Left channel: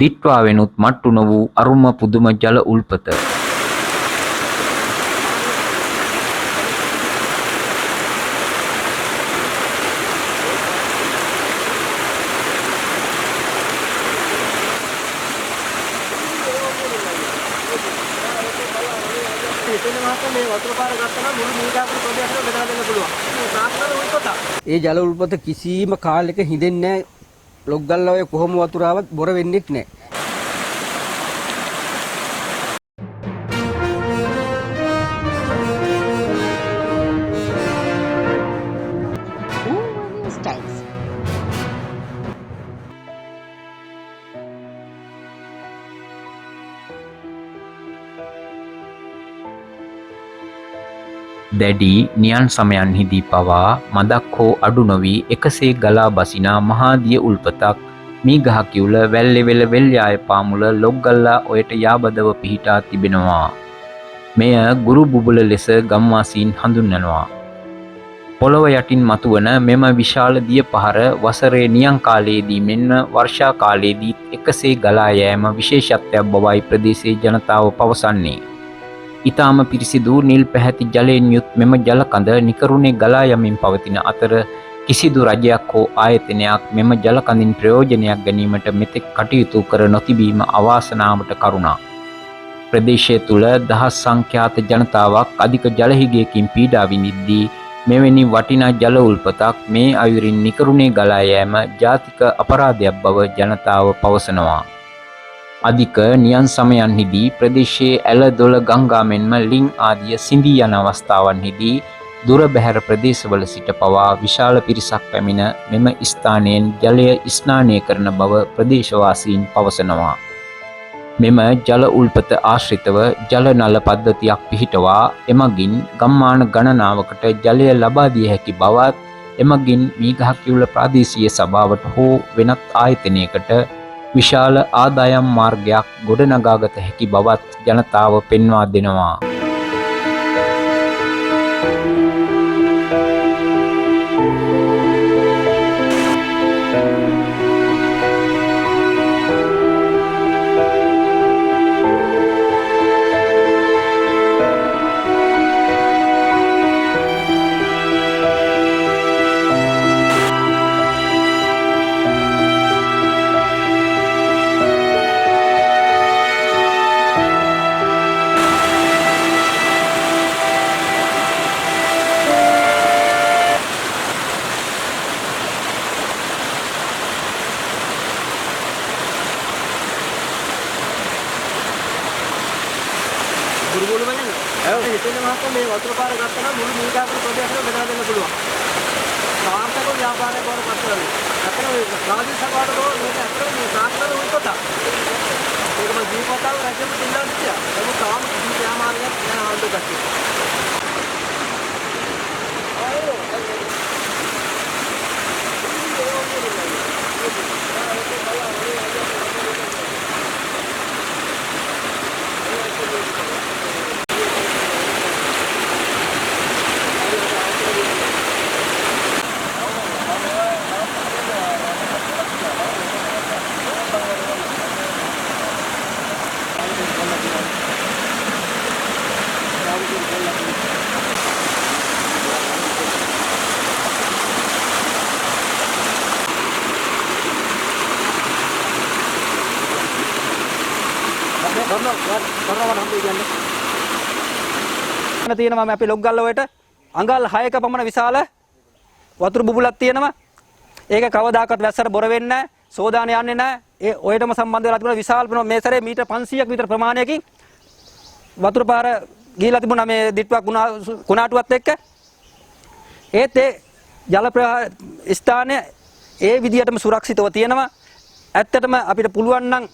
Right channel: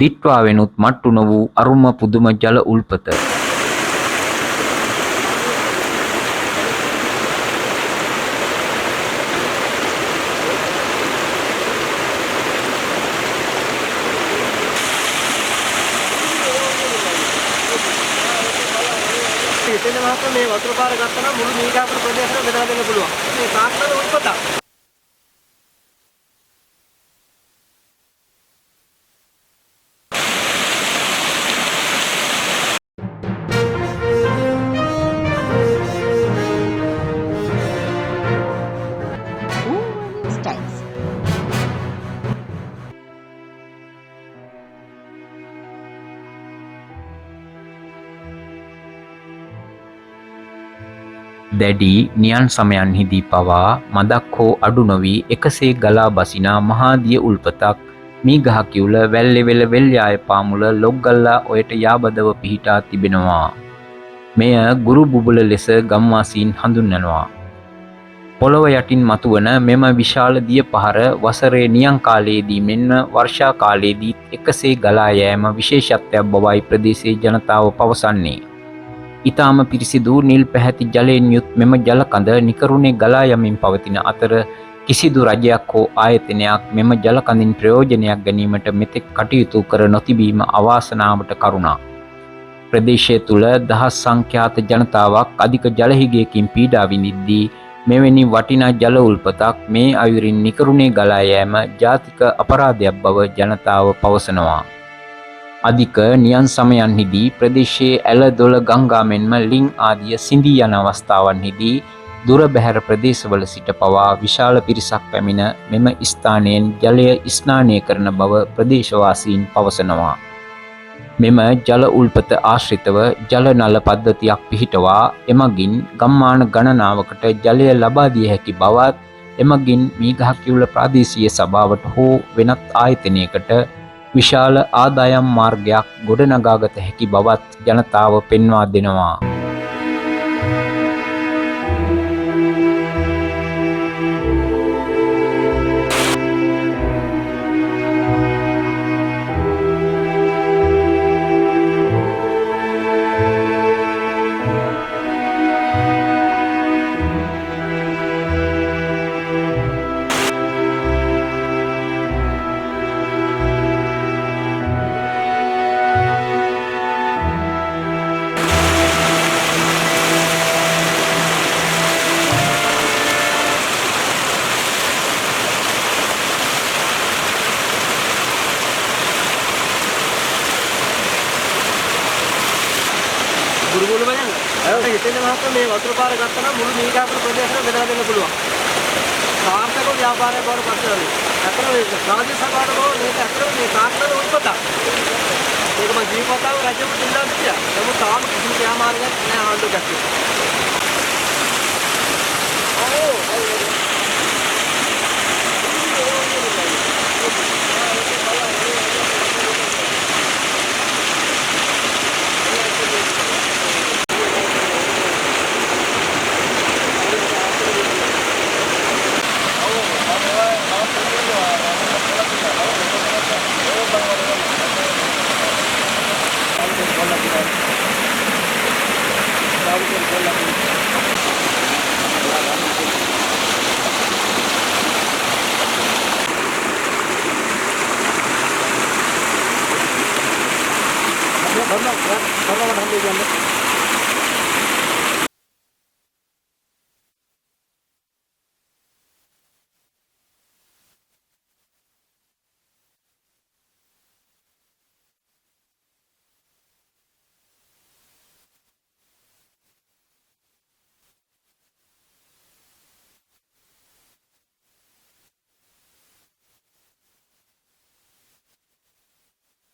දිට්වාවෙනුත් මට්ටු නො වූ අරුම පුදුම ජල උල්පත. මේ වතුර පාර ගත්තා නම් මුළු මීගාපුර ප්‍රදේශෙම බෙදලා දෙන්න පුළුවන්. මේ තාක්ෂණ උල්පත. ඒ ජල උල්පත කිසිම කාලයක හිඳෙන්නේ නැහැ. ලොග්ගල්ලා ඔය කොහොම වතුර ආවත් බොර වෙන්නේ නැහැ. News Times. දැඩි නියන් සමයන්හිදී පවා මදක් හෝ අඩු නොවී එකසේ ගලා බසිනා මහාදිය උල්පතක් මී ගහ කිවුල වැල්ලෙවෙල වෙල්යාය පාමුල ලොග්ගල්ලා ඔයට යාබදව පිහිටා තිබෙනවා. මෙය ගුරු බුබුල ලෙස ගම්වාසීන් හඳුන්වනවා. පොළොව යටින් මතුවන මෙම විශාල දිය පහර වසරේ නියං කාලයේදී මෙන්ම වර්ෂා කාලයේදීත් එකසේ ගලා යෑම විශේෂත්වයක් බවයි ප්‍රදේශයේ ජනතාව පවසන්නේ. ඉතාම පිරිසිදු නිල් පැහැති ජලයෙන් යුත් මෙම ජලකඳ නිකරුණේ ගලා යමින් පවතින අතර කිසිදු රජයක් හෝ ආයතනයක් මෙම ජලකඳින් ප්‍රයෝජනයක් ගැනීමට මෙතෙක් කටයුතු කර නොතිබීම අවාසනාවට කරුණා. ප්‍රදේශය තුළ දහස් සංඛ්‍යාත ජනතාවක් අධික ජලහිගයකින් පීඩා විඳිද්දී මෙවැනි වටිනා ජල උල්පතක් මේ අයුරින් නිකරුණේ ගලා යෑම ජාතික අපරාධයක් බව ජනතාව පවසනවා. අධික නියන් සමයන්හිදී ප්‍රදේශයේ ඇල දොළ ගංගා මෙන්ම ලිං ආදිය සිඳී යන අවස්ථාවන්හිදී දුර බැහැර ප්‍රදේශවල සිට පවා විශාල පිරිසක් පැමිණ මෙම ස්ථානයෙන් ජලය ස්නානය කරන බව ප්‍රදේශවාසීන් පවසනවා. මෙම ජල උල්පත ආශ්‍රිතව ජල නල පද්ධතියක් පිහිටවා එමගින් ගම්මාන ගණනාවකට ජලය ලබා දිය හැකි බවත් එමගින් මීගහ කිවුල ප්‍රාදේශීය සභාවට හෝ වෙනත් ආයතනයකට විශාල ආදායම් මාර්ගයක් ගොඩනගාගත හැකි බවත් ජනතාව පෙන්වා දෙනවා. ගුරුගෝල බලන්න. හිතෙන මහත්මයා මේ වතුර පාර ගත්තා නම් මුළු මීගාපුර ප්‍රදේශෙම බෙදලා දෙන්න පුළුවන්. සාර්ථක ව්‍යාපාරයක් බවට පත් වෙනවා. අතන මේ රාජ්‍ය සභාවට ගෝ මේක අතන මේ තාක්ෂණ උල්පත. මේක මම දීපතාව රජෙම දෙන්නා කිව්වා. නමුත් තාම කිසිම ක්‍රියාමාර්ගයක් නැහැ ආණ්ඩුව පැත්තේ. තියෙනවා මේ අපේ ලොග්ගල්ල වලට අඟල් 6ක පමණ විශාල වතුර බුබුලක් තියෙනවා. ඒක කවදාකවත් වැස්සට බොර වෙන්නේ නැහැ. සෝදාන යන්නේ නැහැ. ඒ ඔයටම සම්බන්ධ වෙලා තිබුණා විශාල මේ සැරේ මීටර් 500ක් විතර ප්‍රමාණයකින් වතුර පාර ගිහිලා තිබුණා මේ දිට්ටුවක් කුණාටුවත් එක්ක. ඒත් ඒ ජල ප්‍රවාහ ස්ථානය ඒ විදිහටම සුරක්ෂිතව තියෙනවා. ඇත්තටම අපිට පුළුවන් නම්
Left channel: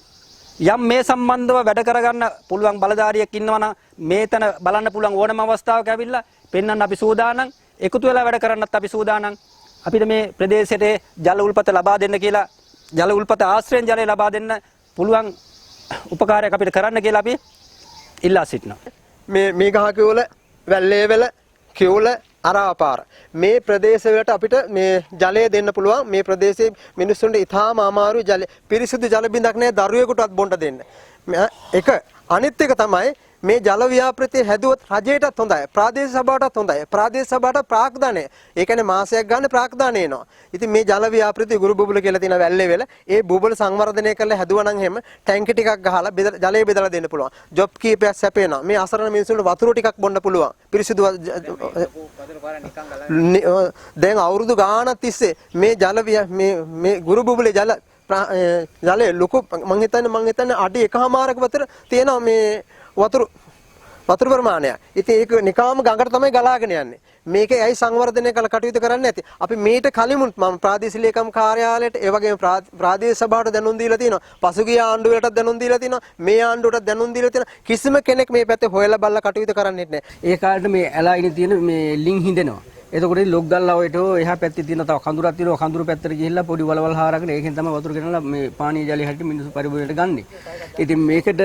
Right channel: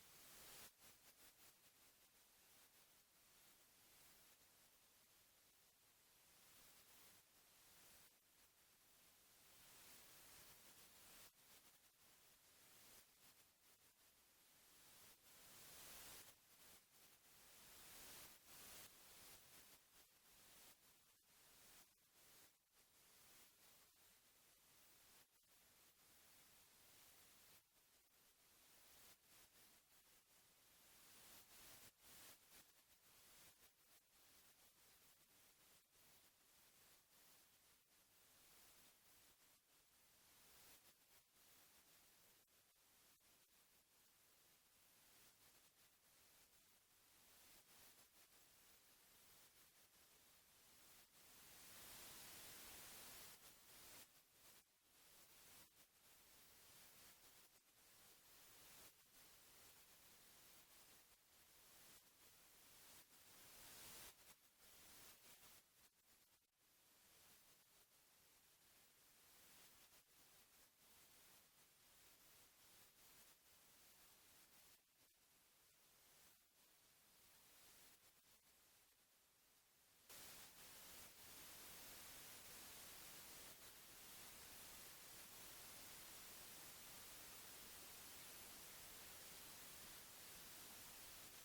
යම් මේ සම්බන්ධව වැඩ කරගන්න පුළුවන් බලධාරියෙක් ඉන්නවා නම් මේතන බලන්න පුළුවන් ඕනම අවස්ථාවක ඇවිල්ලා පෙන්වන්න අපි සූදානම්. එකතු වෙලා වැඩ කරන්නත් අපි සූදානම්. අපිට මේ ප්‍රදේශයට ජල උල්පත ලබා දෙන්න කියලා ජල උල්පත ආශ්‍රයෙන් ජලය ලබා දෙන්න පුළුවන් උපකාරයක් අපිට කරන්න කියලා අපි ඉල්ලා සිටිනවා. මේ ගහ කිව්වල වැල්ලේවල කිව්වල අරාපාර මේ ප්‍රදේශවලට අපිට මේ ජලය දෙන්න පුළුවන්. මේ ප්‍රදේශයේ මිනිස්සුන්ට ඉතාම අමාරු ජල පිරිසිදු ජල බිඳක් නැහැ දරුවෙකුටවත් බොන්න දෙන්න. එක අනිත් එක තමයි මේ ජල ව්‍යාපෘතිය හැදුවොත් රජයටත් හොඳයි. ප්‍රාදේශීය සභාවටත් හොඳයි. ප්‍රාදේශීය සභාවට ප්‍රාග්ධානය. ඒ කියන්නේ මාසයක් ගන්න ප්‍රාග්ධානය එනවා. ඉතින් මේ ජල ව්‍යාපෘතිය ගුරු බුබුල කියලා තියෙන වැල්ලේ වෙල ඒ බුබුල සංවර්ධනය කරලා හැදුවා නම් එහෙම ටැංකි ටිකක් ගහලා ජලය බෙදලා දෙන්න පුළුවන්. ජොබ් කීපයක් සැපේනවා. මේ අසරණ මිනිස්සුන්ට වතුර ටිකක් බොන්න පුළුවන්. පිරිසිදු දැන් අවුරුදු ගාණක් තිස්සේ මේ මේ ගුරු බුබුලේ ජලය ලොකු මං හිතන්නේ අඩි 1.5ක විතර තියෙනවා මේ වතුර ප්‍රමාණයක්. ඉතින් ඒක නිකාම ගඟට තමයි ගලාගෙන යන්නේ. මේකේ ඇයි සංවර්ධනය කළ කටයුතු කරන්නේ නැති? අපි මේට කලිමුත් මම ප්‍රාදේශීය ලේකම් කාර්යාලයට ඒ වගේම ප්‍රාදේශීය සභාවට දැනුම් දීලා තියෙනවා. පසුගිය ආණ්ඩුවලටත් දැනුම් දීලා තියෙනවා. මේ ආණ්ඩුවටත් දැනුම් දීලා තියෙනවා. කිසිම කෙනෙක් මේ පැත්තේ හොයලා බලලා කටයුතු කරන්නේ නැහැ. ඒ කාලේට මේ ඇලයිනේ තියෙන මේ ලිං හින්දෙනවා. එතකොට ලොග්ගල්ලා ඔයට එහා පැත්තේ තියෙන තව කඳුරක් තියෙනවා. කඳුරු පැත්තට ගිහිල්ලා පොඩි වලවල් හාරගෙන ඒකෙන් තමයි වතුර ගෙනලා මේ පානීය ජලය හැටියට මිනිස්සු පරිභෝජනයට ගන්නෙ. ඉතින් මේකට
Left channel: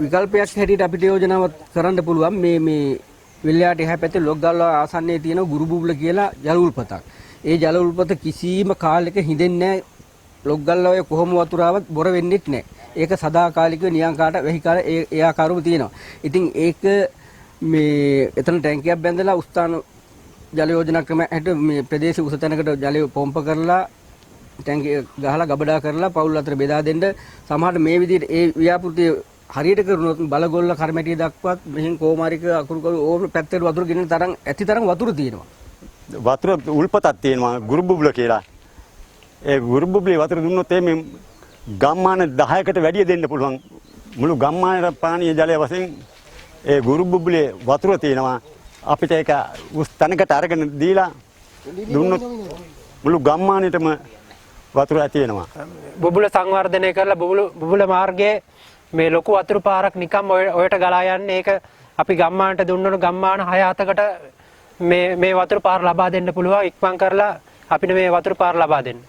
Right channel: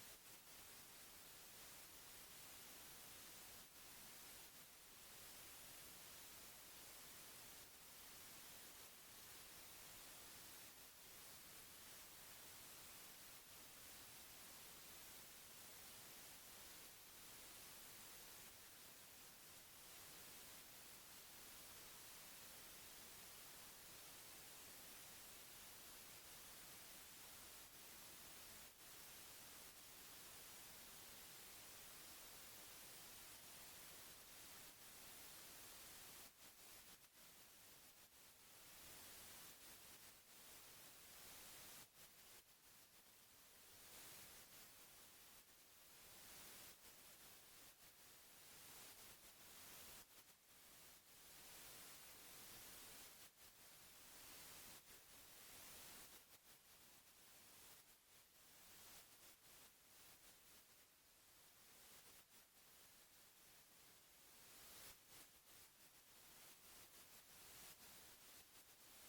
විකල්පයක් හැටියට අපිට යෝජනාවක් කරන්න පුළුවන් මේ විල්යාට එහා පැත්තේ ලොග්ගල්ලා ආසන්නයේ තියෙන ගුරු බුබුල කියලා ජල උල්පතක්. ඒ ජල උල්පත කිසිම කාලයක හිඳෙන්නේ නැහැ. ලොග්ගල්ලා ඔය කොහොම වතුර ආවත් බොර වෙන්නේත් නැහැ. ඒක සදාකාලිකව නියංකාට වෙහිකාර ඒ ආකාරව තියෙනවා. ඉතින් ඒක මේ එතන ටැංකියක් බැඳලා උස්තාන ජල යෝජනා ක්‍රම හැටියට මේ ප්‍රදේශ උස තැනකට ජලය පොම්ප කරලා ටැංකිය ගහලා ගබඩා කරලා පවුල් අතර බෙදා දෙන්න සමහරට මේ විදිහට ඒ ව්‍යාපෘතිය හරියට කරුණොත් බලගොල්ල කර්මැටිය දක්වත් මෙහෙන් කොමාරික අකුරු ඕන පැත්තට වතුර ගෙනෙන තරම් ඇති තරම් වතුර තියෙනවා. වතුර උල්පතක් තියෙනවා ගුරු බුබුල කියලා. ඒ ගුරු බුබුලේ වතුර දුන්නොත් මේ ගම්මාන 10කට වැඩිය දෙන්න පුළුවන්. මුළු ගම්මානයේ පානීය ජලය වශයෙන් ඒ ගුරු බුබුලේ වතුර තියෙනවා. අපිට ඒක උස් තැනකට අරගෙන දීලා දුන්නොත් මුළු ගම්මානෙටම වතුර ඇති වෙනවා. බුබුල සංවර්ධනය කරලා බුබුල මාර්ගයේ මේ ලොකු වතුර පාරක් නිකම් ඔයට ගලා යන්නේ. ඒක අපි ගම්මානට දුන්නොත් ගම්මාන 6-7කට මේ වතුර පාර ලබා දෙන්න පුළුවන්. ඉක්මන් කරලා අපිට මේ වතුර පාර ලබා දෙන්න.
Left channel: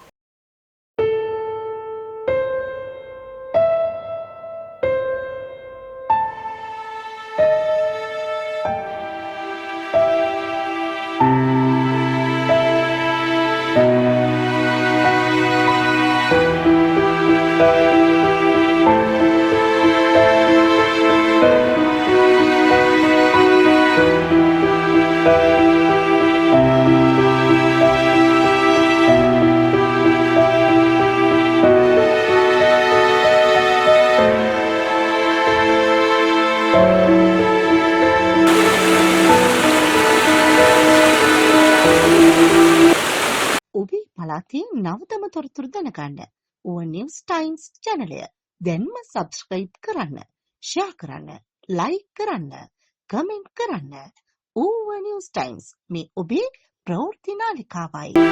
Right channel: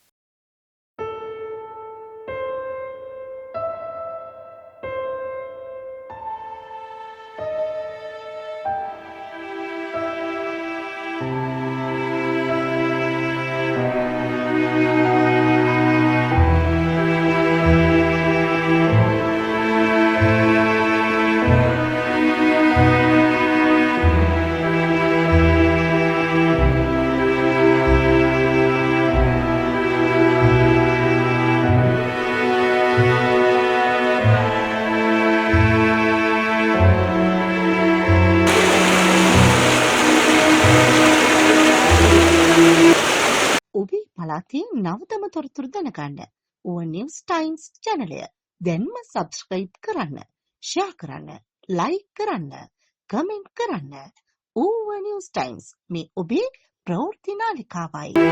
ඔබේ පළාතේ නවතම තොරතුරු දැනගන්න ඕවන් නිවුස් ටයිම්ස් channelය දැන්ම subscribe කරන්න, share කරන්න, like කරන්න, comment කරන්න. ඕවන් නිවුස් ටයිම්ස් මේ ඔබේ ප්‍රවෘත්ති නාලිකාවයි.